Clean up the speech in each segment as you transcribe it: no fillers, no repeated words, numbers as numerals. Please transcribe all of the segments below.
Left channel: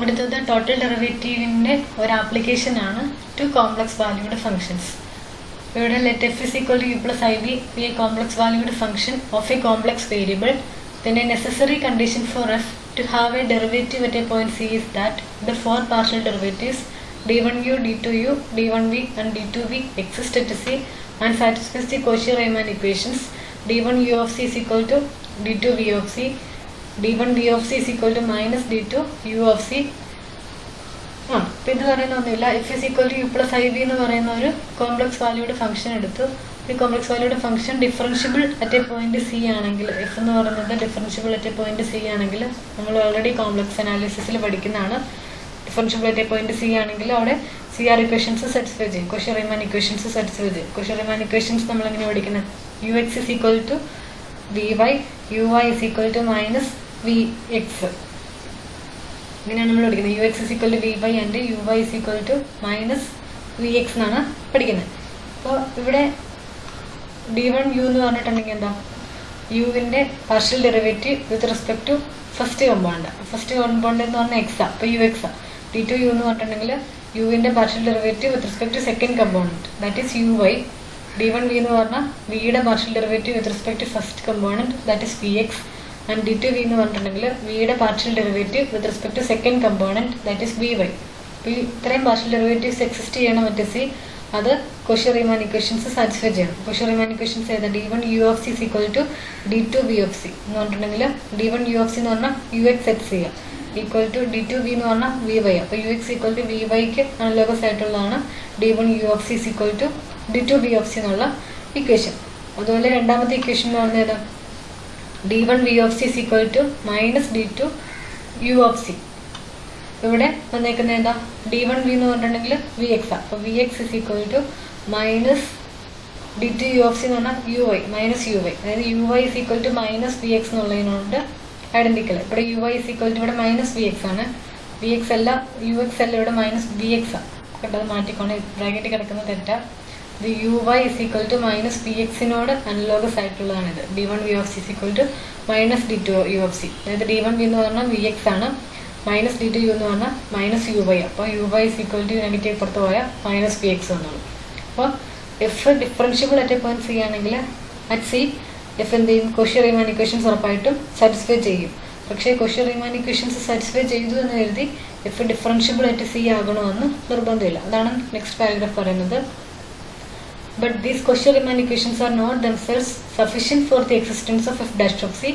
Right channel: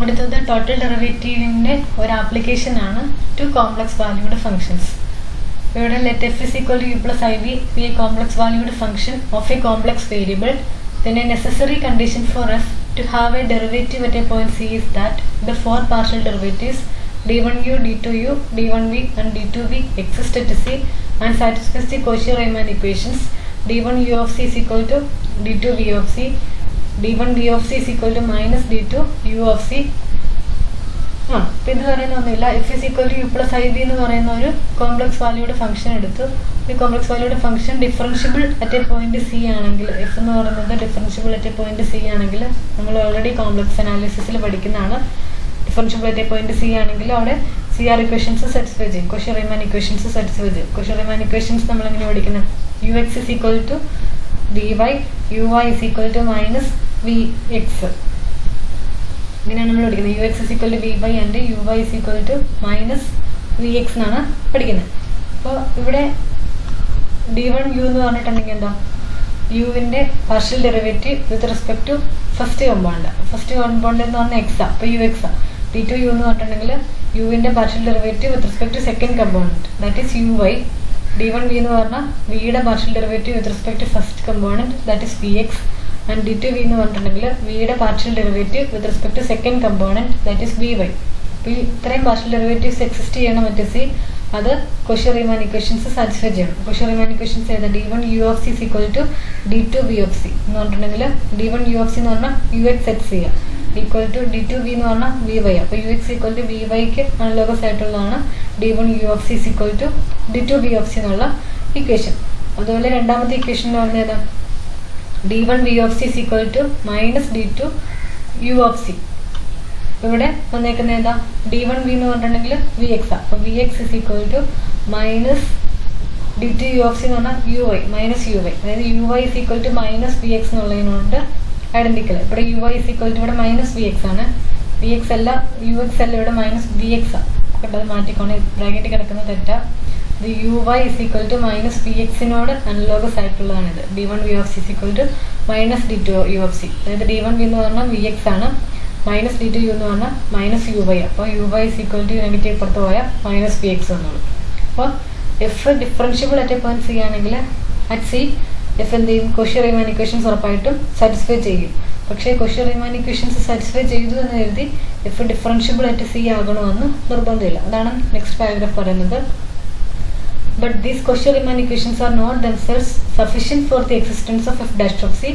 അടുത്തത് ടോട്ടൽ ഡെറിവേറ്റീവിൻ്റെ ഒരു ആപ്ലിക്കേഷനാണ് ടു കോംപ്ലക്സ് വാല്യൂഡ് ഫംഗ്ഷൻസ്. ഇവിടെ let f is equal to u plus i v be a complex valued function of a complex variable. Then a necessary condition for f to have a derivative at a point c is that the four partial derivatives d1u, d2u, d1v and d2v exist at c and satisfies the Cauchy-Riemann equations. d1u of c is equal to d2v of c, d1v of c is equal to minus d2u of c. അപ്പോൾ ഇത് പറയുന്ന ഒന്നുമില്ല. F is equal to u plus i v എന്ന് പറയുന്ന ഒരു complex valued function എടുത്തു. ഈ complex valued function differentiable at a point C ആണെങ്കിൽ, എഫ് എന്ന് പറയുന്നത് differentiable at a point C ആണെങ്കിൽ, നമ്മൾ ഓൾറെഡി കോംപ്ലക്സ് അനാലിസിസിൽ പഠിക്കുന്നതാണ്. Differentiable at a point C ആണെങ്കിൽ അവിടെ സി ആർ ഇക്വേഷൻസ് സാറ്റിസ്ഫൈ ചെയ്യും, Cauchy-Riemann ഇക്വേഷൻസ് സാറ്റിസ്ഫൈ ചെയ്യും. Cauchy-Riemann ഇക്വേഷൻസ് നമ്മൾ എങ്ങനെ പഠിക്കുന്നത്? U X is equal to V y, u Y is equal to minus V x. ഇങ്ങനെയാണ് നമ്മൾ പഠിക്കുന്നത്. U X is equal to V y and u Y is equal to minus V x എന്നാണ് പഠിക്കുന്നത്. അപ്പോൾ ഇവിടെ d1 u എന്ന് പറഞ്ഞിട്ടുണ്ടെങ്കിൽ എന്താ? യുവിൻ്റെ partial derivative with respect to first compound. First compound എന്ന് പറഞ്ഞാൽ എക്സാ, അപ്പോൾ യു എക്സാ. d2 u എന്ന് പറഞ്ഞിട്ടുണ്ടെങ്കിൽ യുവിൻ്റെ partial derivative with respect to second compound, that is U Y. d1 v എന്ന് പറഞ്ഞാൽ വിയുടെ partial derivative with respect to first compound, that is V X. And d2v എന്ന് പറഞ്ഞിട്ടുണ്ടെങ്കിൽ വിയുടെ partial derivative with respect to second component, that is V Y. അപ്പോൾ ഈ ഇത്രയും partial derivatives exist ചെയ്യണം മറ്റേ സി, അത് Cauchy-Riemann ഇക്വേഷൻസ് സാറ്റിസ്ഫൈ ചെയ്യണം. Cauchy-Riemann ഇക്വേഷൻസ് ഏതാ? d1 u of c is equal to d2 v of c എന്ന് പറഞ്ഞിട്ടുണ്ടെങ്കിൽ d1 u of c എന്ന് പറഞ്ഞാൽ യു എക്സ് എക്സ് ചെയ്യാം, ഈക്വൽ ടു d2 v എന്ന് പറഞ്ഞാൽ വി വൈ. അപ്പോൾ u x equal to v വൈക്ക് അനലോഗസ് ആയിട്ടുള്ളതാണ് d1 u of c is equal to d2 v of c എന്നുള്ള ഇക്വേഷൻ. അതുപോലെ രണ്ടാമത്തെ ഇക്വേഷൻ എന്ന് പറഞ്ഞാൽ ഏതാ? d1 v of c is equal to minus d2 u of c. ഇവിടെ വന്നേക്കുന്നത് എന്താ? d1 v എന്ന് പറഞ്ഞിട്ടുണ്ടെങ്കിൽ വി എക്സ്. അപ്പോൾ V X is equal to minus d2 u of c എന്ന് പറഞ്ഞാൽ U Y minus U Y, അതായത് U Y is equal to minus V X എന്നുള്ളതിനോട് ഐഡന്റിക്കൽ. ഇവിടെ U Y is equal to ഇവിടെ minus V X ആണ്, V X അല്ല U X അല്ല, ഇവിടെ മൈനസ് വി എക്സ് ആണ്. കേട്ടത് മാറ്റിക്കോണേ, ബ്രാക്കറ്റ് കിടക്കുന്ന തെറ്റാ. ഇത് U Y is equal to minus V എക്സിനോട് അനലോഗസ് ആയിട്ടുള്ളതാണിത്. d1 v of c is equal to minus d2 u of c. അതായത് d1 v എന്ന് പറഞ്ഞാൽ വി എക്സ് ആണ്, മൈനസ് d2 u എന്ന് പറഞ്ഞാൽ മൈനസ് യു വൈ. അപ്പോൾ U Y is equal to negative പുറത്ത് പോയാൽ മൈനസ് വി എക്സ് എന്നുള്ളൂ. അപ്പോൾ F differentiable at a point C ആണെങ്കിൽ അറ്റ് സി എഫ് എന്ത് ചെയ്യും? Cauchy-Riemann ഇക്വേഷൻസ് ഉറപ്പായിട്ടും സാറ്റിസ്ഫൈ ചെയ്യും. പക്ഷേ Cauchy-Riemann ഇക്വേഷൻസ് സാറ്റിസ്ഫൈ ചെയ്തു എന്ന് കരുതി എഫ് ഡിഫറൻഷ്യബിൾ അറ്റ് സി ആകണമെന്ന് നിർബന്ധമില്ല. അതാണ് നെക്സ്റ്റ് പാരഗ്രാഫ് പറയുന്നത്. But these Cauchy-Riemann equations are not themselves sufficient for the existence of f dash of c.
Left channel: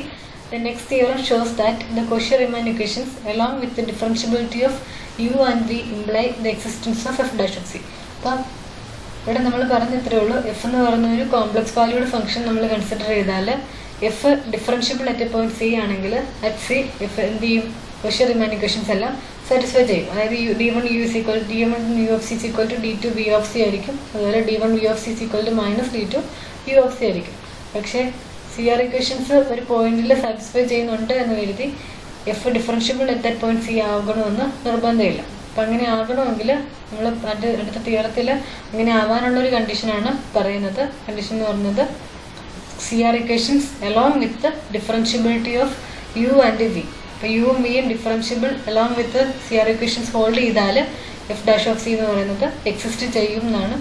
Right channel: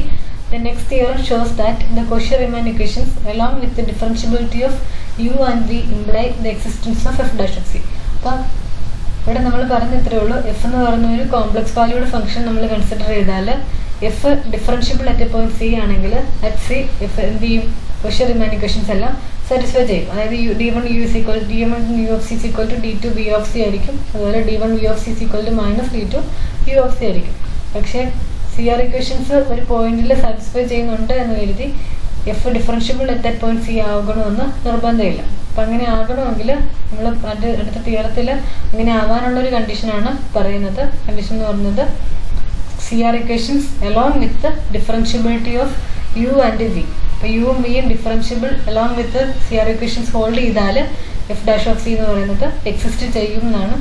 The next theorem shows that the Cauchy-Riemann equations along with the differentiability of u and v imply the existence of f dash of c. അപ്പോൾ ഇവിടെ നമ്മൾ പറഞ്ഞ ഇത്രയേ ഉള്ളൂ. F എന്ന് പറയുന്ന ഒരു complex valued function നമ്മൾ കൺസിഡർ ചെയ്താൽ F differentiable at a point C ആണെങ്കിൽ അറ്റ് സി എഫ് എന്ത് ചെയ്യും? Cauchy-Riemann equations എല്ലാം സാറ്റിസ്ഫൈ ചെയ്യും. അതായത് d1 u is equal to d1 u of c is equal to d2 v of c ആയിരിക്കും. അതുപോലെ d1 v of c is equal to minus d2 u of c ആയിരിക്കും. പക്ഷേ C R equations ഒരു പോയിന്റിൽ satisfy ചെയ്യുന്നുണ്ട് എന്ന് കരുതി F differentiable at that point C ആകണമെന്ന് നിർബന്ധമില്ല. അപ്പം അങ്ങനെ ആകണമെങ്കിൽ നമ്മൾ അടുത്ത തിയറത്തിൽ അങ്ങനെ ആവാനുള്ളൊരു കണ്ടീഷനാണ് പറയുന്നത്. കണ്ടീഷൻ എന്ന് പറയുന്നത് C R equations along with differentiability of u and v. അപ്പോൾ യുവും വിയും differentiable along with C R equations hold ചെയ്താൽ എഫ് ഡാഷ് ഓഫ് സി എന്ന് പറയുന്നത് എക്സിസ്റ്റ് ചെയ്യും എന്നാണ്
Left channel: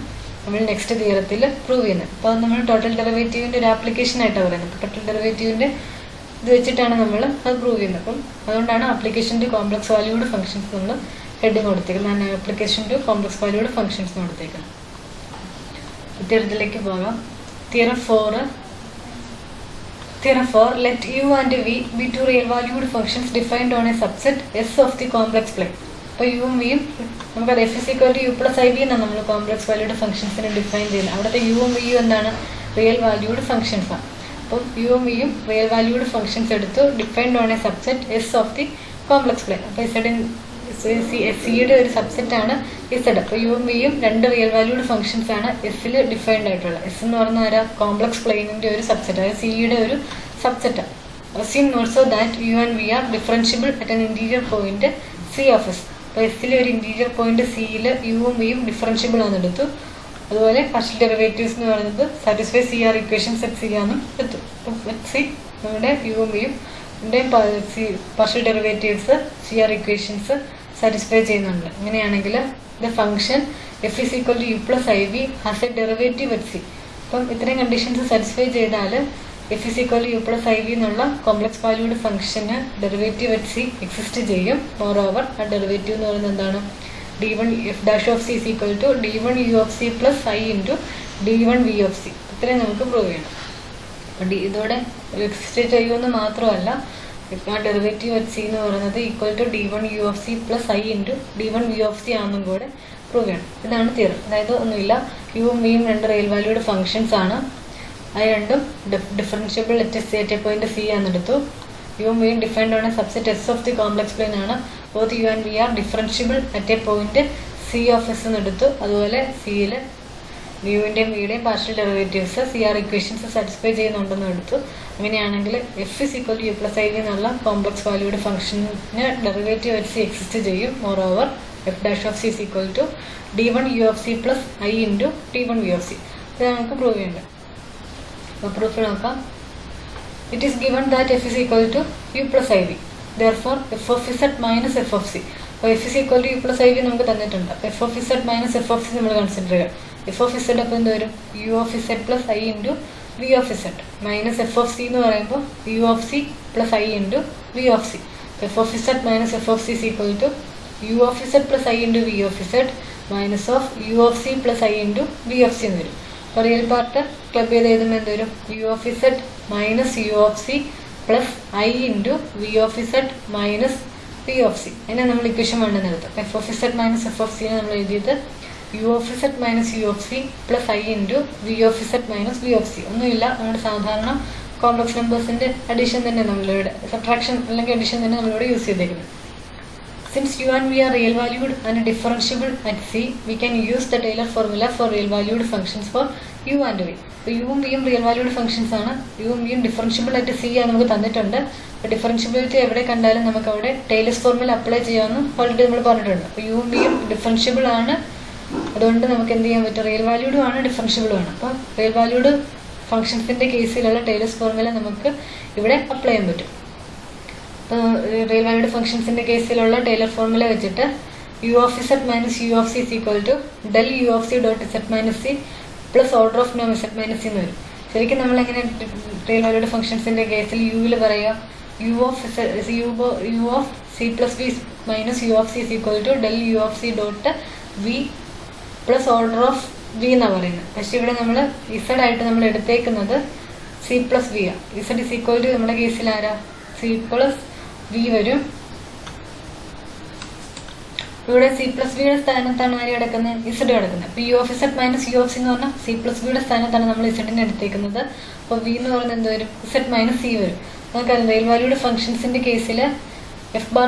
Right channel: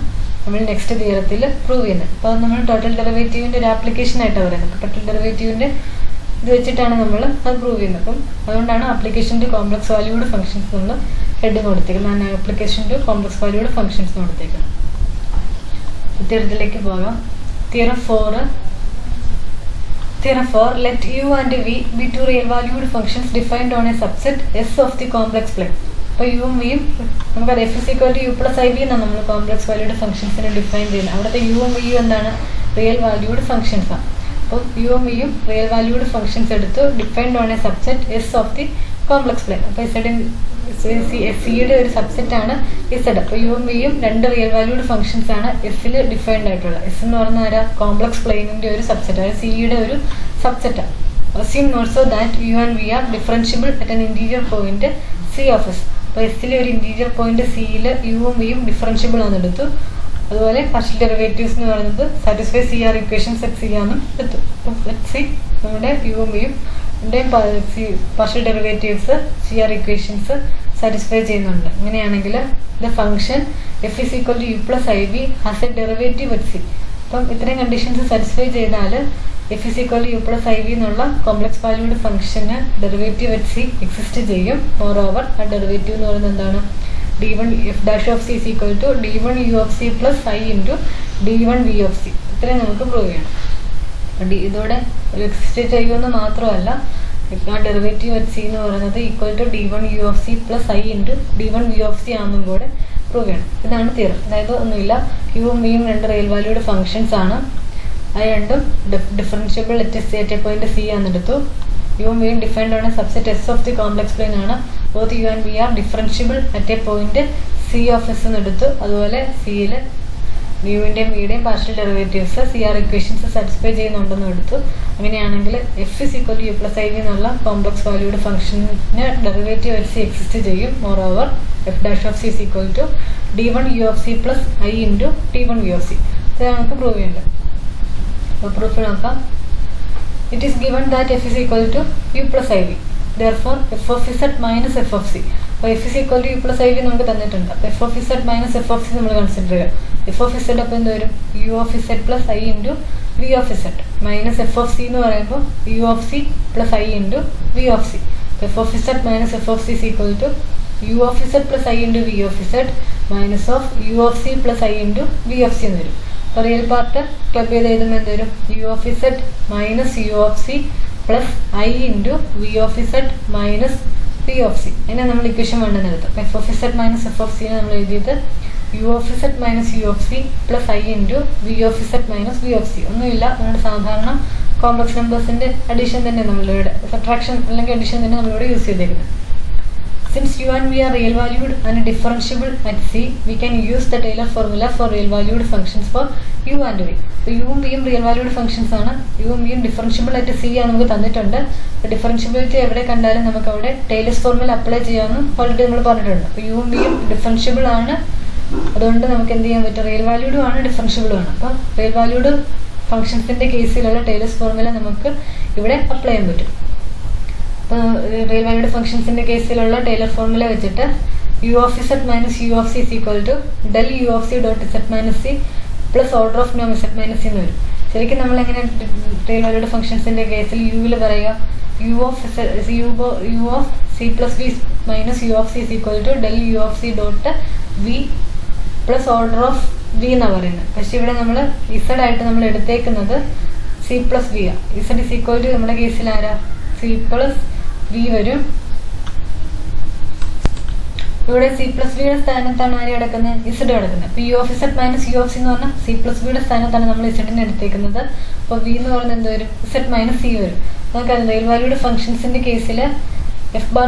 നമ്മൾ നെക്സ്റ്റ് തിയറത്തിൽ പ്രൂവ് ചെയ്യുന്നത്. അപ്പോൾ അത് നമ്മൾ ടോട്ടൽ ഡെറിവേറ്റീവിൻ്റെ ഒരു ആപ്ലിക്കേഷൻ ആയിട്ടാണ് പറയുന്നത്. അപ്പോൾ ടോട്ടൽ ഡെറിവേറ്റീവിൻ്റെ ഇത് വെച്ചിട്ടാണ് നമ്മൾ അത് പ്രൂവ് ചെയ്യുന്നത്. അപ്പം അതുകൊണ്ടാണ് application to complex valued functions നമ്മൾ ഹെഡിങ് കൊടുത്തേക്കുന്നത്. Application to complex valued functions കൊടുത്തേക്കുന്നത്. തിയറത്തിലേക്ക് പോകാം. Theorem 4, let u and v be two real valued functions defined on a subset S of the complex plane. അപ്പോൾ യുവും വിയും നമുക്കത് f is equal to u plus i v എന്നാണ് നമ്മൾ complex valued ഫംഗ്ഷൻസിനെ define ചെയ്യുന്നത്. അവിടുത്തെ യുവും വിയും എന്താണ്? റിയൽ വാല്യൂഡ് ഫംഗ്ഷൻസ് ആണ്. അപ്പം യുവും വിയും റിയൽ വാല്യൂഡ് ഫംഗ്ഷൻസ് എടുത്തു defined on A subset S of the complex plain. അപ്പോൾ സിയുടെ ഒരു സബ്സെറ്റാണ് ഇസഡ്. അപ്പോൾ യുവും വിയും രണ്ട് റിയൽ വാല്യൂഡ് ഫംഗ്ഷൻസ് ആണ് എസ്സിൽ ഡിഫൈൻഡ് ആയിട്ടുള്ളത്. എസ് എന്ന് പറഞ്ഞാൽ ആരാ? കോംപ്ലക്സ് പ്ലെയിനിൻ്റെ ഒരു സബ്സെറ്റ്, അതായത് സിയുടെ ഒരു സബ്സെറ്റാണ്. assume also that u and v are differentiable at an interior point c of s. അപ്പോൾ എസ്സിലെ ഒരു ഇൻറ്റീരിയർ പോയിന്റ് സിയിൽ യുവും വിയും ഡിഫറൻഷ്യബിൾ ആണെന്ന് എടുത്തു. അതുപോലെ പാർഷ്യൽ ഡെറിവേറ്റീവ്സ് എന്ന് പറയുന്നത് satisfy c R equations at c ആണെന്നും എടുത്തു. അപ്പോൾ അറ്റ് സി നമ്മുടെ യുവും വിയും ൻ്റെയും partial derivatives CR equations satisfy ചെയ്യുന്നുണ്ട്. അങ്ങനെയാണെങ്കിൽ the function f is equal to u plus iv has a derivative at c. അപ്പം ഇത്രയും കണ്ടീഷൻസ് സാറ്റിസ്ഫൈ ചെയ്താൽ f is equal to u plus iv എന്നുള്ള കോംപ്ലക്സ് വാല്യൂഡ് ഫംഗ്ഷന് ഡെറിവേറ്റീവ് at c എക്സിസ്റ്റ് ചെയ്യും. More over ആ derivative എന്ന് പറയുന്നത് എന്താണ്? d1 f dash of c is equal to d1 u of c plus i into d1 v of c. ഇത്രയും നമുക്ക് prove ചെയ്യണം. അപ്പം ഇതോടെ എക്സിസ്റ്റ് ചെയ്യുമെന്ന് മാത്രമല്ല, ആ ഡെറിവേറ്റീവ് at c എന്ന് പറയുന്നത് equal to d1 u of c plus i into d1 v of c ആണെന്നും കൂടെ പ്രൂവ് ചെയ്യണം. ഇതാണ് തിയറം. അതായത് ഒന്നുമില്ല, യുവും വിയും രണ്ട് റിയൽ വാല്യൂഡ് ഫംഗ്ഷൻസ് ആണ്. അത് രണ്ടും differentiable at a point c ആണെന്നെടുത്തു. യുവും വിയും ഡിഫൈൻഡ് ആണ് subset S of the complex plane ആണ്. Both U and V are differentiable at a point c of S എന്നെടുത്തു. അതുപോലെ സിയിൽ യുവിൻ്റെയും വിയുടെയും partial derivatives CR equations satisfy ചെയ്യുന്നുണ്ടെന്ന് എടുത്തു. അങ്ങനെയാണെങ്കിൽ f is equal to u plus iv എന്നുള്ള കോംപ്ലക്സ് വാല്യൂഡ് ഫംഗ്ഷന് ഡെറിവേറ്റീവ് at c എക്സിസ്റ്റ് ചെയ്യും. More over f dash of c is equal to d1 u of c plus i into d1 v of c. ഇത് നമുക്ക് prove ചെയ്യേണ്ടത്. അപ്പോൾ proof നോക്കാം. It is given that f is equal to u plus iv. Therefore f of z minus f of c. അപ്പോൾ f is equal to u plus iv നമുക്ക് തന്നിട്ടുണ്ട്. അപ്പോൾ f of z minus f of c നമ്മൾ consider ചെയ്യുക. f of z അപ്പോൾ എന്ത് വരും? u of z plus i into v of z minus f of c എന്ന് പറയുമ്പോൾ u of c plus i into v of c. f of z minus f of c is equal to u of z plus i into v of z minus of u of c plus i into v of c എന്ന് വരും. അപ്പോൾ real part club ചെയ്ത് എഴുതുമ്പോൾ എന്ത് വരും? u of z minus u of c plus i into v of z minus v of c. അതിനെ നമ്മൾ equation 1 എന്നെടുത്തു. f of z minus f of c നമ്മൾ എഴുതിയത് u of z minus u of c plus i into v of z minus v of c. ഒന്നുമില്ല, നമ്മുടെ സാധാരണ complex നമ്പേഴ്സിൻ്റെ addition തന്നെ നമ്മളിവിടെ, subtraction അല്ലെങ്കിൽ അഡീഷൻ തന്നെ നമ്മളിവിടെ യൂസ് ചെയ്തേക്കുന്നത്. Since u and v are real valued and differentiable at c, we can use the Taylor formula for real valued functions for u and v. അപ്പോൾ യുവും വിയും റിയൽ വാല്യൂഡ് ഫംഗ്ഷൻസ് ആണ്. യുവും വിയും differentiable ആയിട്ട് c ആണ് നമുക്ക് തന്നിട്ടുണ്ട്. അപ്പോൾ ഡിഫറൻഷ്യബിലിറ്റി എവിടെ കണ്ടാലും നമുക്ക് അവിടെ ടൈലേഴ്സ് ഫോർമുല അപ്ലൈ ചെയ്യാമെന്ന് ഓൾറെഡി നമ്മൾ പറഞ്ഞിട്ടുണ്ട്. അപ്പോൾ യുവും വിയും ഡിഫറൻഷ്യബിൾ ആണ്. അതുകൊണ്ട് നമുക്ക് എന്ത് ചെയ്യാൻ പറ്റും? റിയൽ വാല്യൂഡും ആണ് ഡിഫറൻഷ്യബിളും ആണ്. അപ്പോൾ റിയൽ വാല്യൂഡ് ഫംഗ്ഷൻസിൻ്റെ കേസിലുള്ള ടൈലേഴ്സ് ഫോർമുല നമുക്ക് ഇവിടെ അപ്ലൈ ചെയ്യാൻ പറ്റും. അപ്പോൾ റിയൽ വാല്യൂഡ് ഫംഗ്ഷൻസിൻ്റെ കേസിലുള്ള ടൈലർ ഫോർമുല വെച്ചിട്ട് u of z minus u of c is equal to del u of c dot z minus c plus order of നോം z മൈനസ് c എന്ന് വരും. ശരിക്കും നമ്മളെങ്ങനെ റിയൽ വാല്യൂഡ് ഫംഗ്ഷൻസിൻ്റെ കേസിൽ യുവിൽ പറയുക? u of c plus v minus u of c is equal to del u of c dot v plus order of v എന്നാണ് പറയുന്നത്. പക്ഷേ ഇവിടെ നമ്മൾ z ആയിട്ട് നമ്മൾ എടുത്തേക്കുന്നത് c പ്ലസ് v ആണ്. z is equal to നമ്മുടെ കേസിൽ ആരാ? c പ്ലസ് v വരും. ഇവിടെ സി പ്ലസ് വിയുടെ സ്ഥാനത്താണ് ആര് കിടക്കുന്നത്? ഇസഡ് കിടക്കുന്നത്. അപ്പോൾ u of Z minus U of c എന്ന് പറഞ്ഞാൽ സി പ്ലസ് വിയുടെ സ്ഥാനത്താണ് നമ്മൾ ഇസഡിനെ എടുത്തേക്കുന്നത്. അപ്പോൾ വി എന്ന് പറയുന്നത് എന്ത് വരും? ഇസഡ് മൈനസ് സി വരും. നമുക്കറിയാം റിയൽ വാല്യൂഡ് ഫംഗ്ഷൻസിൻ്റെ കേസിൽ F bar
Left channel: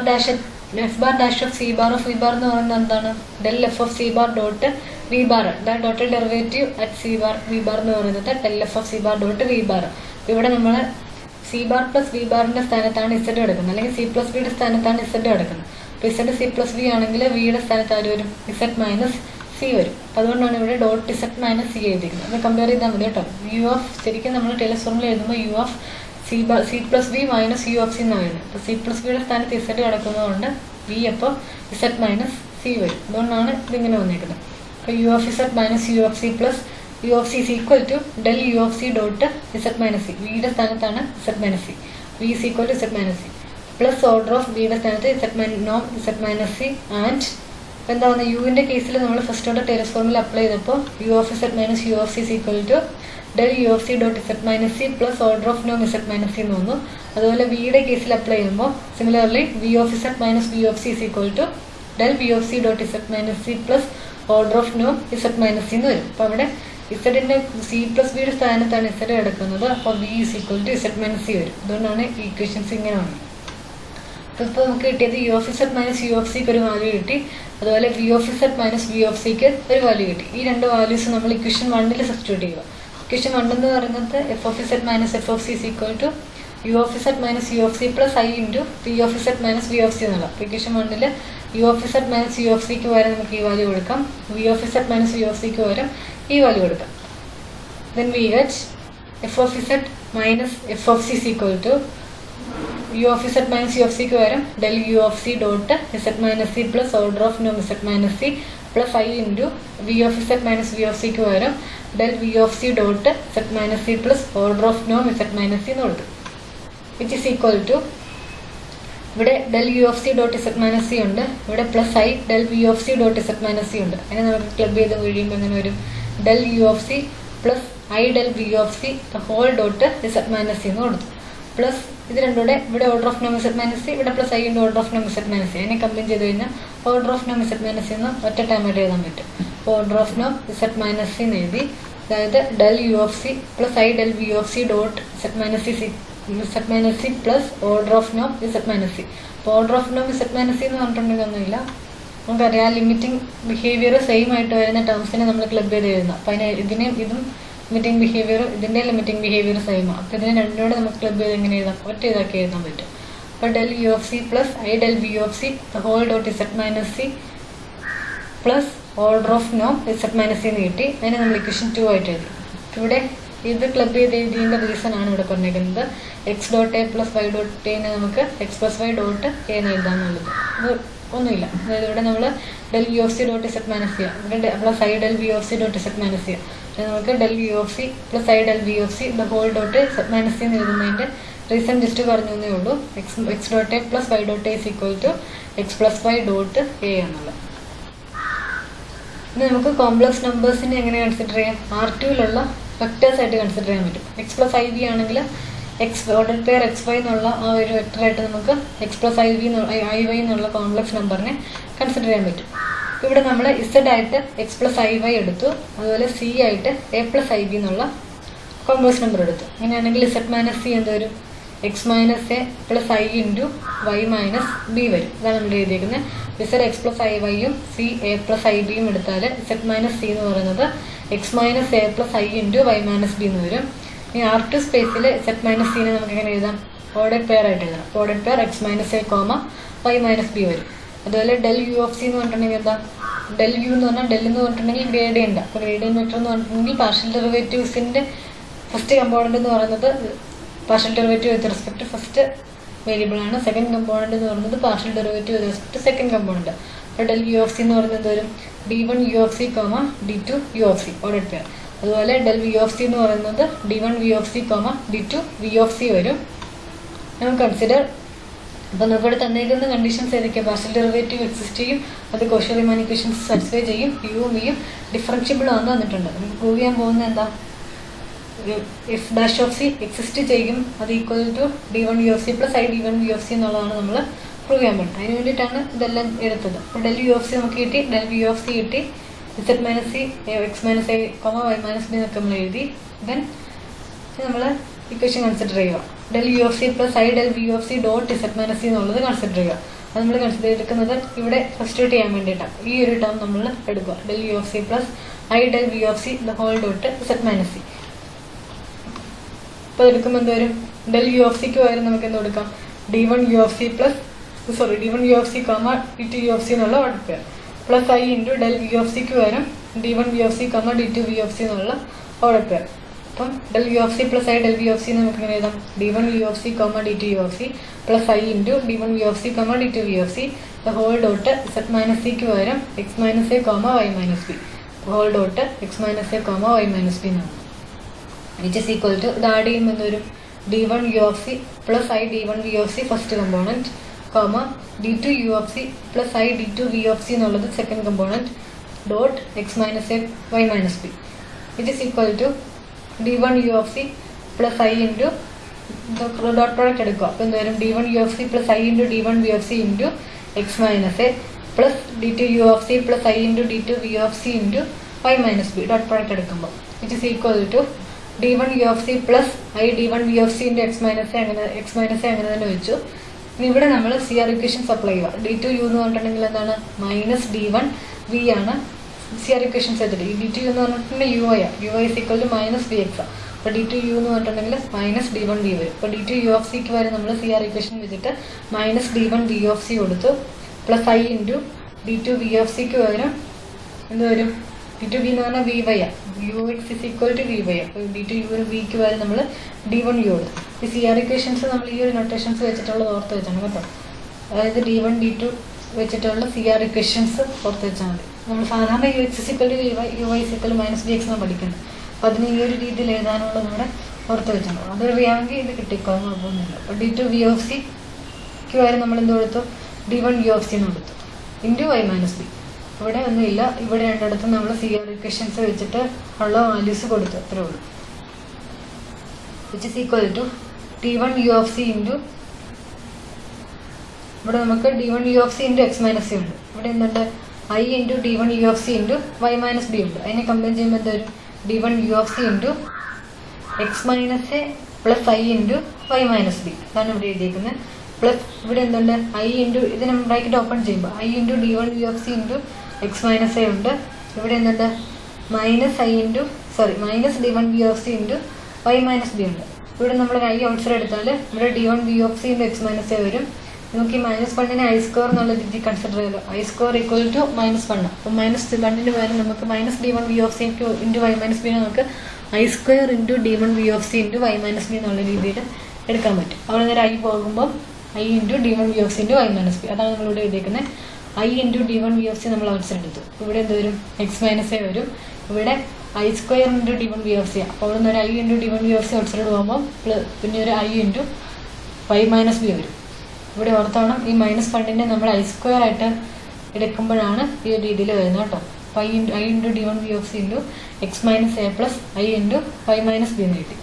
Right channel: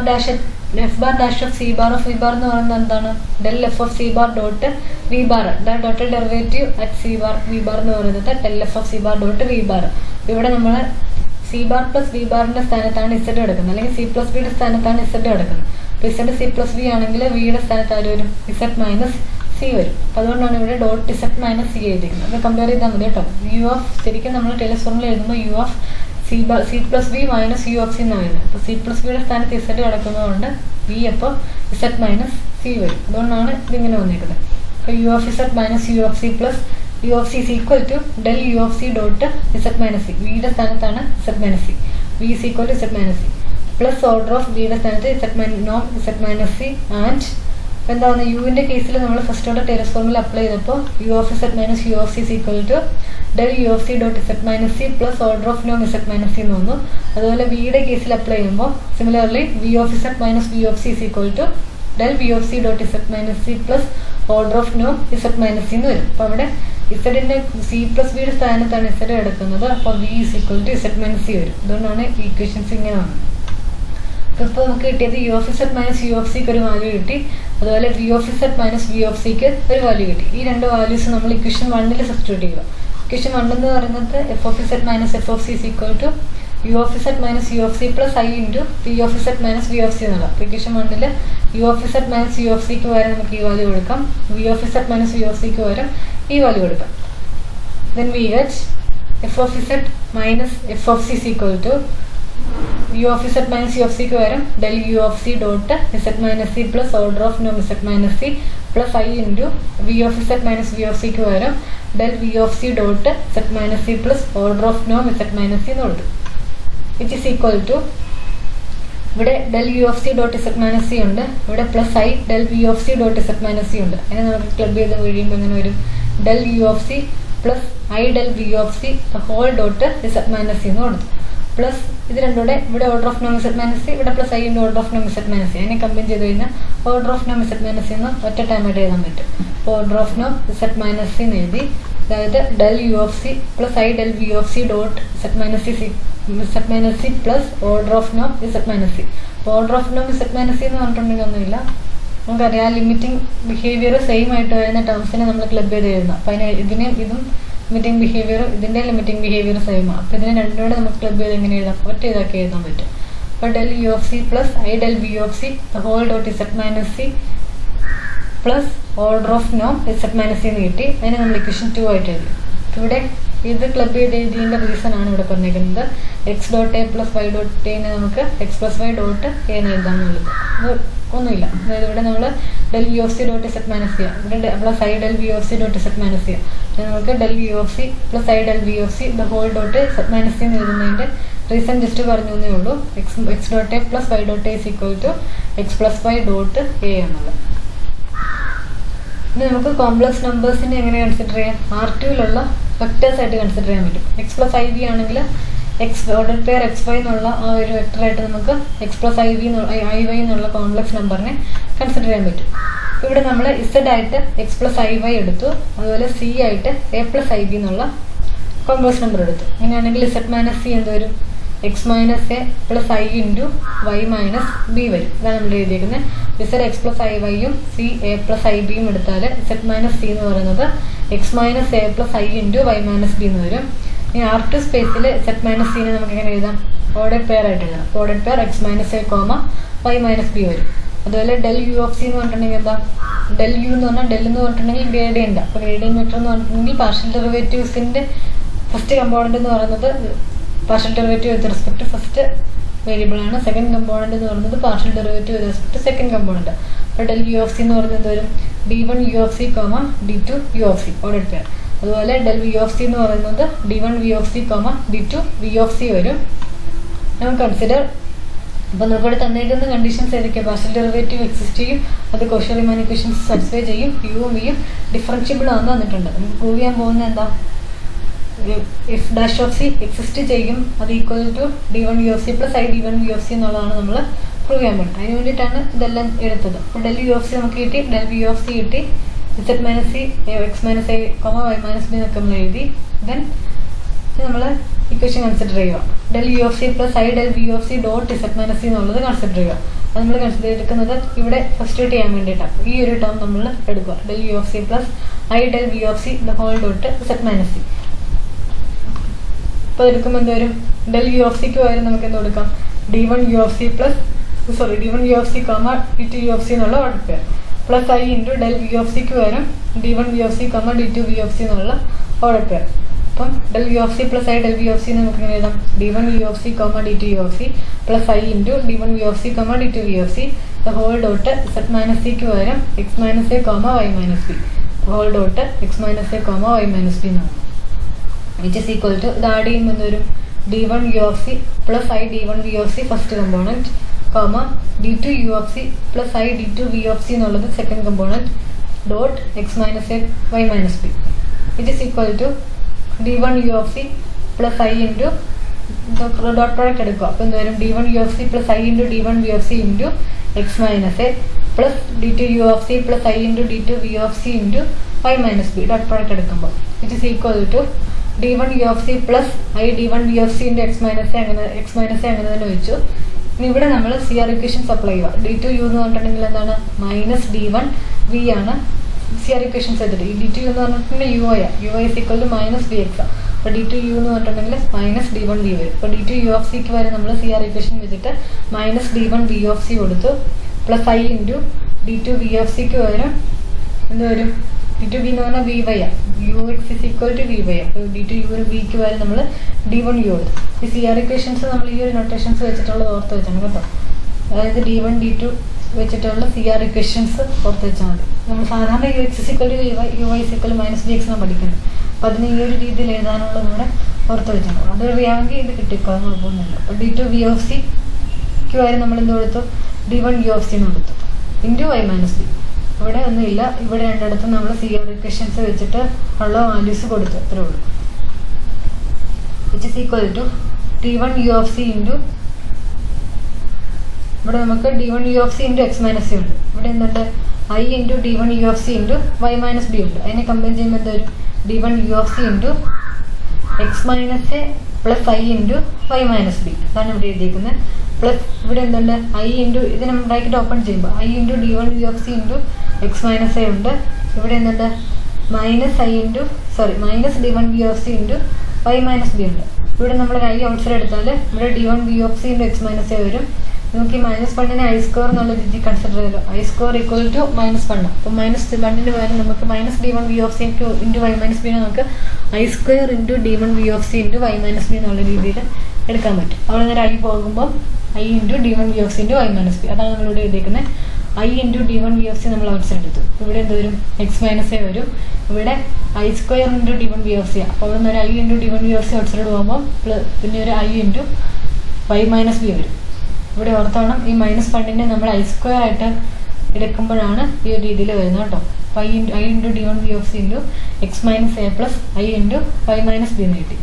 dash of C bar of V bar എന്ന് പറയുന്നത് എന്താണ്? Del F of C bar dot V bar. ഡോട്ടൽ derivative at C bar V bar എന്ന് പറയുന്നത് del F of C bar dot V bar. ഇവിടെ നമ്മൾ C bar plus V ബാറിൻ്റെ സ്ഥാനത്താണ് ഇസഡ് കിടക്കുന്നത്, അല്ലെങ്കിൽ സി പ്ലസ് വിയുടെ സ്ഥാനത്താണ് ഇസഡ് കിടക്കുന്നത്. അപ്പോൾ ഇസഡ് സി പ്ലസ് വി ആണെങ്കിൽ വിയുടെ സ്ഥാനത്ത് ആര് വരും? ഇസഡ് മൈനസ് സി വരും. അപ്പോൾ അതുകൊണ്ടാണ് ഇവിടെ ഡോട്ട് ഇസഡ് മൈനസ് സി എഴുതിക്കുന്നത്. അത് കമ്പയർ ചെയ്താൽ മതി കേട്ടോ. യു ഓഫ് ശരിക്കും നമ്മൾ ടൈലേഴ്സ് ഫോർമുല എഴുതുമ്പോൾ u of C plus v minus U of c എന്നാണ് വരുന്നത്. അപ്പോൾ സി പ്ലസ് വിയുടെ സ്ഥാനത്ത് ഇസഡ് കിടക്കുന്നതുകൊണ്ട് വി അപ്പോൾ ഇസഡ് മൈനസ് സി വരും. അതുകൊണ്ടാണ് ഇതിങ്ങനെ വന്നിരിക്കുന്നത്. അപ്പോൾ u of Z minus U of C plus u of C is equal to del u of c dot Z minus C. വിയുടെ സ്ഥാനത്താണ് z minus c. V is equal to z minus C plus order of വിയുടെ സ്ഥാനത്ത് Z minus C and എന്താ പറയുക? യുവിൻ്റെ കേസിൽ നമ്മൾ first order Taylor's formula apply ചെയ്തപ്പോൾ U of Z minus U of C is equal to del u of c dot Z minus C plus order of നോം Z minus C എന്ന് വന്നു. അതുപോലെ വിയുടെ കേസിൽ അപ്ലൈ ചെയ്യുമ്പോൾ similarly V of Z minus V of C is equal to del v of c dot Z minus C plus order of നോം Z minus C എന്ന് വരും. അപ്പോൾ അവിടെ ഇസഡിൻ്റെ സി പ്ലസ് വിയുടെ സ്ഥാനത്താണ് ഇസഡ് കിടക്കുന്നത്. അപ്പോൾ v is equal to z minus c വരും. അതുകൊണ്ടാണ് ഈക്വേഷൻസ് ഇങ്ങനെ വന്നത്. അപ്പോൾ നമുക്ക് കിട്ടിയത് u of Z minus U of സിക്ക് ഒരു വാല്യൂ കിട്ടി. അതുപോലെ v of Z minus V of സിക്ക് ഒരു വാല്യൂ കിട്ടി. ഈ രണ്ട് വാല്യൂസ് നമ്മൾ ഇക്വേഷൻ 1 സബ്സ്റ്റിറ്റ്യൂട്ട് ചെയ്യുക. ഇക്വേഷൻ 1 എന്ന് പറയുന്നത് f of Z minus f of C is equal to u of Z minus U of C plus I into v of Z minus V of C എന്നുള്ള. അപ്പോൾ equation 1 u of Z minus U of സിക്ക് പകരം നമുക്ക് ഈ value കൊടുക്കാം. V of Z minus V of സിക്ക് പകരം ഈ വാല്യൂ കൊടുക്കാം. then we get f of z minus f of c is equal to u of z minus U of സിക്ക് പകരം del U of C dot Z minus C plus order of നോം Z minus C plus I into v of z minus V of സിക്ക് പകരം del V of C dot Z minus C plus order of നോം Z minus C എന്ന് കൊടുത്തു. Which is equal to ഇവിടെ del U of C dot Z minus C ഉണ്ട്, ഇവിടെ plus I del V of C dot Z minus C ഉണ്ട്. അതിനെ നമുക്ക് club ചെയ്ത് കഴിയുമ്പോൾ എങ്ങനെ വരും? Del U of C plus I del V of C the whole dot Z minus C എന്ന് കൊടുത്തു. പ്ലസ് ഇത് രണ്ടുകൂടെ ഇവിടെ ഓർഡർ ഓഫ് നോം ഇസെഡ് മൈനസ് സി, ഇവിടെ plus I into order of നോം ഇസെഡ് മൈനസ് സി. അതിനെ കമ്പൈൻ ചെയ്ത് കഴിഞ്ഞാൽ ഓർഡർ ഓഫ് നോം ഇസെഡ് മൈനസ് സി എന്ന് ഒറ്റ ടൈമായിട്ട് എഴുതാൻ പറ്റും. അപ്പോൾ ഓർഡർ ഓഫ് നോം ഇസെഡ് മൈനസ് സി എന്ന് എഴുതി. അതായത് del U of C plus I del V of C dot Z minus C plus order of നോം ഇസെഡ് മൈനസ് സി. അപ്പോൾ ഓർഡർ ഓഫ് നോം ഇസെഡ് മൈനസ് സി എന്ന് പറഞ്ഞിട്ടുണ്ടെങ്കിൽ ഒന്നുമില്ല, നമുക്കറിയാം ലിമിറ്റിംഗ് ബിഹേവിയർ സെയിം ആയിട്ട് വരുന്ന ടേംസിനെ നമ്മൾ ക്ലബ് ചെയ്ത് എഴുതുന്നത്. അപ്പോൾ അതിന് ഇതിനെയും ഇതും ലിമിറ്റിംഗ് ബിഹേവിയർ ഇതിൻ്റെ ലിമിറ്റിംഗ് ബിഹേവിയർ സെയിമാണ്. അപ്പോൾ ഇതിനെ രണ്ടുകൂടെ നമുക്ക് ക്ലബ് ചെയ്ത് എങ്ങനെ എഴുതാം? ഒറ്റ ഇതാക്കി എഴുതാൻ പറ്റും. അപ്പോൾ del U of C plus I del V of C the whole dot Z minus C plus order of നോം ഇസെഡ് മൈനസ് സി എന്ന് കിട്ടി. അതിനെ നമ്മൾ ഇക്വേഷൻ 2 ആയിട്ട് എഴുതി. ഇവിടെ ഇത് ക്ലബ് ചെയ്ത് എഴുതിയതിൻ്റെ റീസൺ ആണ് ഇവിടെ പറഞ്ഞിരിക്കുന്നത്. X dot A plus Y dot എനെ നമുക്ക് X plus Y dot A എന്ന് എഴുതാമെന്നുള്ളത്. അത് ഒന്നുമില്ല. അതായത് ഇവിടെ നമ്മൾ del U of C dot Z minus ചെയ്യുക, ഇവിടെ plus I del V of C dot Z minus ചെയ്യുക. നമുക്ക് del U of C plus I del V of C the whole dot Z minus C എന്ന് എഴുതുന്നതിൻ്റെ reason just പറഞ്ഞു എന്നേ ഉള്ളൂ. X dot A plus Y dot a is equal to x plus Y dot a എന്നുള്ളത്. ഇനി നമുക്ക് complex നമ്പേഴ്സിനെ എങ്ങനെ consider ചെയ്യാം? R2-ലുള്ള വെക്ടേഴ്സ് ആയിട്ട് കൺസിഡർ ചെയ്യാൻ പറ്റും. എക്സ് പ്ലസ് ഐ വി ആണെങ്കിൽ x order pair x y എന്നുള്ള ആ ഒരു വെക്ടറായിട്ട് നമുക്ക് എക്സ് പ്ലസ് ഐ വൈ എന്നുള്ള കോംപ്ലക്സ് നമ്പറിനെ കൺസിഡർ ചെയ്യാൻ പറ്റും. ഇവിടെ നമ്മൾ ഇസഡ് ആയിട്ട് എക്സ് പ്ലസ് ഐ വൈ എടുത്തു, അതുപോലെ സി ആയിട്ട് എ പ്ലസ് ഐ ബി എന്നുള്ള കോംപ്ലക്സ് നമ്പർ എടുത്തു. അങ്ങനെയാണെങ്കിൽ ഇസഡ് മൈനസ് സി എന്ത് വരും? X minus A plus I into Y minus B വരും. ഇതാണ് നമ്മൾ എഴുതിയിരിക്കുന്നത്. ഇസഡ് എക്സ് പ്ലസ് ഐ വൈയും സി എ പ്ലസ് ഐ ബിയും എടുത്താൽ ഇസഡ് മൈനസ് സി എന്ന് പറയുന്നത് X minus A plus I into Y minus B എന്ന് വരും. ഇനി R2 സ്പേസിൽ ഇസഡ് മൈനസ് സീനെ നമുക്ക് എങ്ങനെ എഴുതാം? ഓർഡർ പെയർ ആയിട്ട് എഴുതാം. Order pair x minus A comma Y minus B വരും. അതുപോലെ ഡെൽ യു ഓഫ് സി എന്ന് പറഞ്ഞിട്ടുണ്ടെങ്കിൽ എന്താ? ഡെൽ യു എന്ന് പറഞ്ഞാൽ ഡെൽ എന്ന് പറഞ്ഞിട്ടുണ്ടെങ്കിൽ ഗ്രേഡിയൻ്റ്. അപ്പോൾ ഗ്രേഡിയൻ്റ് വെക്ടർ എന്ന് പറഞ്ഞിട്ടുണ്ടെങ്കിൽ പാർഷ്യൽ ഡെറിവേറ്റീവ്സിൻ്റെ ഫസ്റ്റ് കമ്പോണൻ്റ് എന്ന് പറയുന്നത് partial derivative with respect first variable ആണ്. സെക്കൻഡ് കമ്പോണൻ്റ് എന്ന് പറയുന്നത് partial derivative with respect second component. അപ്പോൾ ഡെൽ യു ഓഫ് സി എന്ന് പറയുന്നത് എന്ത് വരും? D1 U of C comma D2 U of c order pair. അതുപോലെ ഡെൽ വി ഓഫ് സി എന്ന് പറയുന്നത് D1 V of C comma D2 V of c വരും. നമുക്ക് കൺസിഡർ. അപ്പോൾ നമുക്കിവിടെ തന്നേക്കുന്ന കണ്ടീഷൻസ് ഏതൊക്കെയാണ്? പാർഷ്യൽ ഡെറിവേറ്റീവ് എക്സിസ്റ്റ് ചെയ്യും, അത് കോഷി റീമാൻ ഇക്വേഷൻസ് സാറ്റിസ്ഫൈ ചെയ്യും, യുവും വിയും ഡിഫറൻഷ്യബിൾ ആണെന്ന് വന്നിട്ടുണ്ട്. നമുക്ക് പ്രൂവ് ചെയ്യാൻ പോകുന്നത് എന്താ? F dash of c exist ചെയ്യും, അത് equal to D1 U of C plus I D1 V of c എന്നുള്ളതാണ് നമ്മൾ പ്രൂവ് ചെയ്യാൻ പോകുന്നത്. അതിന് വേണ്ടിയിട്ടാണ് ഇതെല്ലാം എടുത്തത്. അപ്പോൾ ഡെൽ യു ഓഫ് സി നമുക്ക് കിട്ടി, ഡെൽ വി ഓഫ് സി കിട്ടി, z minus c x minus i comma Y minus b എന്നൊക്കെ നമ്മൾ എഴുതി. ദെൻ നമ്മൾ ഇക്വേഷൻ കൺസിഡർ ചെയ്യുക. Del U of C plus I del V of C dot Z minus c എന്നുള്ളത് consider ചെയ്യുക. അത് നമ്മൾ കൺസിഡർ എടുക്കുന്നത് ഇവിടെ സബ്സ്റ്റിറ്റ്യൂട്ട് ചെയ്യാൻ വേണ്ടിയിട്ടാണ്. ഈ ഒരു ടേം നമ്മൾ എടുക്കുക. Del U of C plus I del V of C the whole dot Z minus C. അപ്പോൾ എടുക്കുമ്പോൾ എന്ത് വരും? ഡെൽ യു ഓഫ് സിക്ക് പകരം നമുക്ക് എന്ത് കൊടുക്കാം? D1 U of C plus D1 U of C comma D2 U of C എന്നുള്ള order pair plus I into del V of സിക്ക് പകരം D1 V of C comma D2 V of C എന്നുള്ള order pair. അപ്പം del U of C plus I del V of C നമുക്ക് എങ്ങനെ എഴുതാം? D1 U of C comma D2 U of C plus I into D1 V of C comma D2 V of C the whole dot Z minus സിക്ക് പകരം X minus A comma Y minus B whole dot X minus A comma Y minus B എന്നാണ്. Which is equal to ഇത് add ചെയ്യുമ്പോൾ എന്ത് വരും? D1 U of C plus I D1 V of C first component comma D2 U of C plus I D2 V of C എന്നുള്ളത് second component dot X minus A Y minus B. It is equal to D1 U of C plus I into dot product എടുക്കുക. അപ്പോൾ എന്ത് വരും? D1 U of C plus I into D1 V of C into X minus A plus D2 U of C plus I into D2 V of C into Y minus B dot product എടുക്കുമ്പോൾ it is equal to D1 U of C plus I D1 V of C into X minus A അങ്ങനെ തന്നെ വെച്ചു. ഇനി ഇവിടെ നമ്മൾ CR equations apply ചെയ്യുക. D2 u എന്ന് പറഞ്ഞിട്ടുണ്ടെങ്കിൽ എന്താണ്? മൈനസ് D1 വി ആണ് CR ഇക്വേഷൻസ് വെച്ചിട്ട്. ഈ D2 യു എന്ന് പറഞ്ഞിട്ടുണ്ടെങ്കിൽ u i is equal to minus b x. അപ്പോൾ D2 യു എന്ന് പറഞ്ഞിട്ടുണ്ടെങ്കിൽ മൈനസ് D1 വി വരും. അപ്പോൾ D2 യു ഓഫ് സിക്ക് വരെ നമ്മൾ CR ഇക്വേഷൻ വെച്ചിട്ട് minus D1 V of C കൊടുത്തു plus I into D2 V of സിക്ക് പകരം എന്ത് വരും? d2 v എന്ന് പറഞ്ഞാൽ വി വൈ ആണ്, U X is equal to V Y. അപ്പോൾ d2 യു വിക്ക് വരെ നമ്മൾ d1 യു എടുത്തു. ഈ CR ഇക്വേഷൻസ് നമ്മൾ ഈ ഒരു നൊട്ടേഷൻസ് വെച്ചിട്ടുള്ളത് ഓർത്ത് വെച്ചാണ് കേട്ടോ. അതായത് d1 d2 വെച്ചിട്ടുള്ള CR ഇക്വേഷൻസ് ഓർത്ത് വെച്ചാൽ മതി. നമ്മൾ സാധാരണ u X is equal to V y, u Y is equal minus d x എന്നാണ് പഠിക്കുന്നത്. അപ്പോൾ അതിന് ഈ ഒരു രീതിയിൽ എഴുതാനുള്ളത് നമ്മുടെ ഓർത്ത് വെച്ചാണ്. അത് അറിയാമെങ്കിൽ ഇത് കിട്ടിക്കോളും, കുഴപ്പമൊന്നുമില്ല. അപ്പോൾ d2 വി ഓഫ് സിക്ക് വരെ നമ്മൾ എന്ത് കൊടുത്തു, d1 യു ഓഫ് സി എന്ന് കൊടുത്തു ഇൻറ്റു വൈ മൈനസ് ബി. ഇവിടെ ഒന്നുമില്ല, ഇവിടെ രണ്ടിടത്തും നമ്മൾ CR ഇക്വേഷൻസ് വെച്ചിട്ട് ഉള്ള വാല്യൂസ് കൊടുത്തു, അത്രേ ഉള്ളൂ. Which is equal to d1 U of C into, ഇവിടെ നമുക്ക് d1 U of C into X minus C ഉണ്ട്. ഇവിടെ എന്തുണ്ട്, i into d1 U of C into Y minus b ഉണ്ട്. അതിനെ കമ്പയർ ചെയ്യുമ്പോൾ എന്തൊരു d1 U of C into X minus A plus I into Y minus b. അതാണ് ഇവിടെ എഴുതിയിരിക്കുന്നത്. പ്ലസ് ഇവിടെ എന്തുണ്ട്, ഐ ഇൻറ്റു ഇതിനെ ബ്രാക്കറ്റ് ഓപ്പൺ ചെയ്യുമ്പോൾ i into d1 U of C into X minus a ഉണ്ട്. ഇവിടെ എന്തുണ്ട്, minus d1 V of C into Y minus b ഉണ്ട്. ഇവിടെ നമ്മൾ ഐ ഔട്ട്സൈഡ് എടുത്താൽ ഇവിടെ d1 V of C into X minus a വരും. നമുക്ക് ഈ -1 ഐ സ്ക്വയർ എന്നുള്ള രീതി കൺസിഡർ ചെയ്തല്ലോ. I square equal to -1. അപ്പോൾ -1 പകരം നമുക്ക് d1 V of C into Y minus b നമുക്ക് i square into d1 V of C into Y minus b എന്നുള്ള രീതിയിൽ എടുക്കാൻ പറ്റും. അവിടെ നേരെ ഐ പോകുമ്പോൾ i into d1 V of C into Y minus b. അതാണ് നമ്മളിവിടെ എഴുതിയിരിക്കുന്നത്. I into d1 V of c നമ്മൾ ഔട്ട്സൈഡ് എടുത്തു. ഇവിടെ എന്ത് വരും, എക്സ് മൈനസ് എ വരും. ഇവിടെ i square into d1 V of c. അപ്പോൾ അവിടെ നിന്ന് ഒരു i into d1 V of c outside പോകുമ്പോൾ പിന്നെ ഒരു i into Y minus B വരും. ഇവിടെ ഓർത്തോണം, ഈ -1 നമ്മൾ ഐ സ്ക്വയർ ആയിട്ട് എടുക്കുമ്പോഴാണ് ഈ ഒരു രീതിയിൽ വരുന്നത് കേട്ടോ. അപ്പോൾ i into d1 V of C into X minus A plus I into Y minus B എന്ന് കിട്ടി.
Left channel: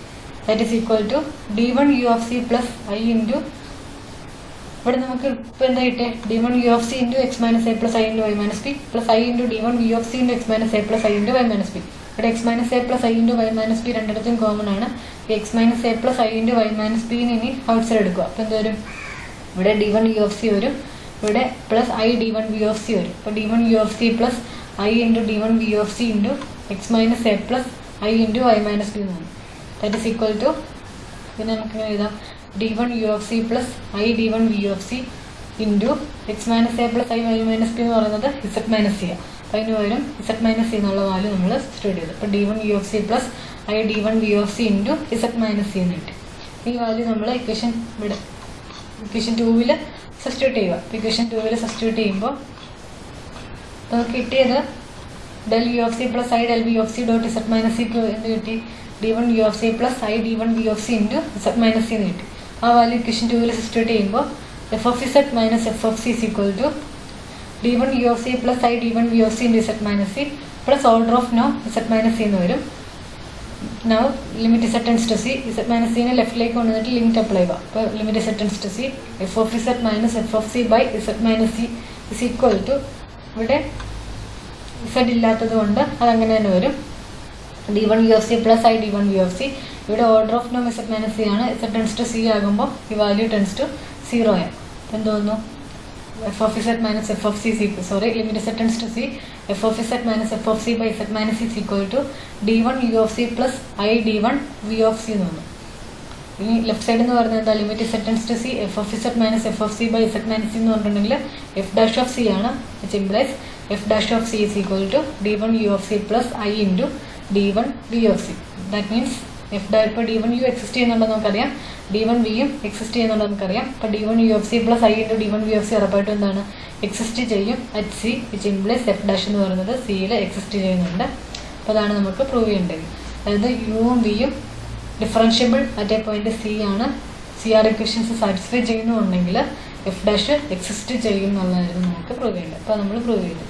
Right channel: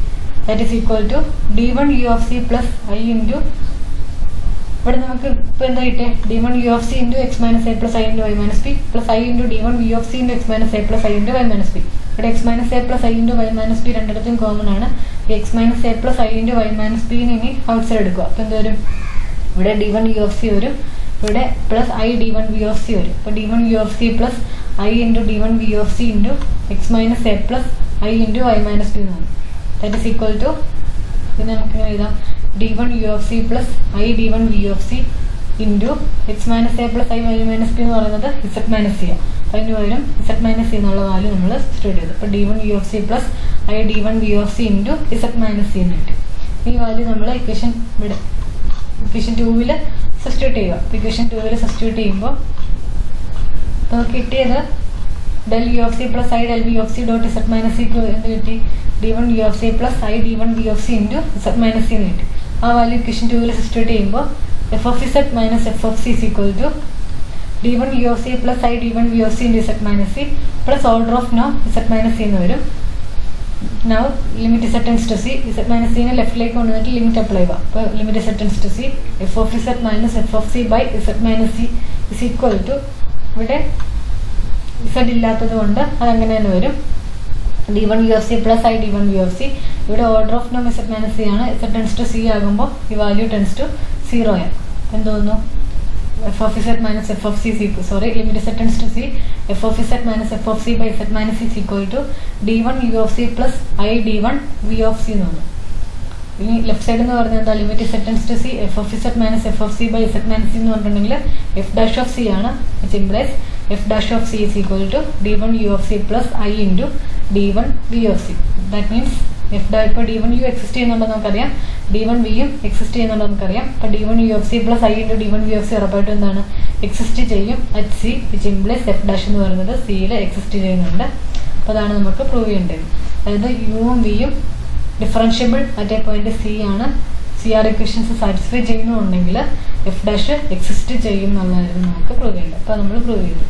That is equal to d1 U of C plus I into, ഇവിടെ നമുക്ക് ഇപ്പോൾ എന്താ കിട്ടിയത്, d1 U of C into X minus A plus I into Y minus b plus I into d1 V of C into X minus A plus I into Y minus b. ഇവിടെ X minus A plus I into Y minus b രണ്ടിടത്തും common ആണ്. ഈ x minus A plus I into Y minus ബിന്ന് ഇനി outside എടുക്കുക. അപ്പോൾ എന്ത് വരും, ഇവിടെ d1 യു ഓഫ് സി വരും. ഇവിടെ plus I d1 V of c വരും. അപ്പോൾ d1 U of C plus I into d1 V of C into X minus A plus I into Y minus B എന്നാണ്. That is equal to, ഇതിനെ നമുക്ക് ഇങ്ങനെ എഴുതാം, d1 U of C plus I d1 V of C into X minus A plus i y minus B എന്ന് പറയുന്നത് z minus c ആണ്. അപ്പോൾ അതിന് പകരം ഇസഡ് മൈനസ് സി എന്നുള്ള വാല്യൂ നമ്മൾ സബ്സ്റ്റിറ്റ്യൂട്ട് ചെയ്തു. അപ്പോൾ d1 U of C plus I d1 V of C into z minus C എന്ന് കിട്ടി. ഈ വാല്യൂ നമ്മൾ ഇക്വേഷൻ 2-ൽ സബ്സ്റ്റിറ്റ്യൂട്ട് ചെയ്യുക. ഇക്വേഷൻ 2-ൽ സബ്സ്റ്റിറ്റ്യൂട്ട് ചെയ്യുമ്പോൾ നമുക്ക് കിട്ടിയത് del U of C plus I del V of C dot Z minus സിക്ക് എന്ത് കിട്ടി, d1 U of C plus I d1 V of C into z minus C എന്ന് കിട്ടി. ആ വാല്യൂ ഇക്വേഷൻ 2-ൽ സബ്സ്റ്റിറ്റ്യൂട്ട് ചെയ്യുമ്പോൾ f of Z minus f of c is equal to d1 U of C plus I d1 V of C into z minus C plus order of നോ z minus C എന്ന് വരും. Now limit z tends to c, z minus c നെ ലെഫ്റ്റിലേക്ക് കൊണ്ടുവന്നിട്ട് limit apply ചെയ്യുക. അപ്പോൾ limit z tends to c, f of z minus f of c by z minus c is equal to, ഇവിടെ z ഇല്ലാത്തത് കൊണ്ട് അതങ്ങനെ തന്നെ വരും, d1 U of C plus I d1 V of c. ഇവിടെ order of നോം z minus c ആണ്. z tends to c ആകുമ്പോൾ ഈ വാല്യൂ tends to 0 ആണ്. എന്ത് തോന്നുന്നു, f of z minus f of c is equal, limit z tends to c, f of z minus f of c by z minus c is equal to d1 u of c plus I d1 v of c എന്ന് പറഞ്ഞു. ഇനി left side എന്ന് പറഞ്ഞാൽ എന്താ, limit z tends to c, f of z minus f of c by z minus c എന്ന് പറഞ്ഞിട്ടുണ്ടെങ്കിൽ f dash of c ആണ്, which implies f dash of c is equal to d1 u of c plus I into d1 v of c. That means ഇപ്പോൾ d1 u exist ചെയ്യുന്നുണ്ടോ നമുക്കറിയാം, d1 വിയും exist ചെയ്യുന്നുണ്ടോ നമുക്കറിയാം. അപ്പോൾ d1 u of c plus I into d1 v of c ഉറപ്പായിട്ടും എന്താണ്, exist ചെയ്യും at C, which implies F dash എന്ന് പറയുന്നത് സിയിൽ എക്സിസ്റ്റ് ചെയ്യുന്നുണ്ട്. അപ്പോൾ അതാണ് നമുക്ക് പ്രൂവ് ചെയ്യേണ്ടത്. അതായത് യുവും വിയും differentiable at a point C ആണ്. CR ഇക്വേഷൻസ് സാറ്റിസ്ഫൈ ചെയ്യുന്നുണ്ടെങ്കിൽ എഫ് ഡാഷ് എക്സിസ്റ്റ് ചെയ്യും എന്നുള്ളതായിരുന്നു നമുക്ക് പ്രൂവ് ചെയ്യേണ്ടത്. അപ്പോൾ നമ്മൾ പ്രൂവ് ചെയ്തു.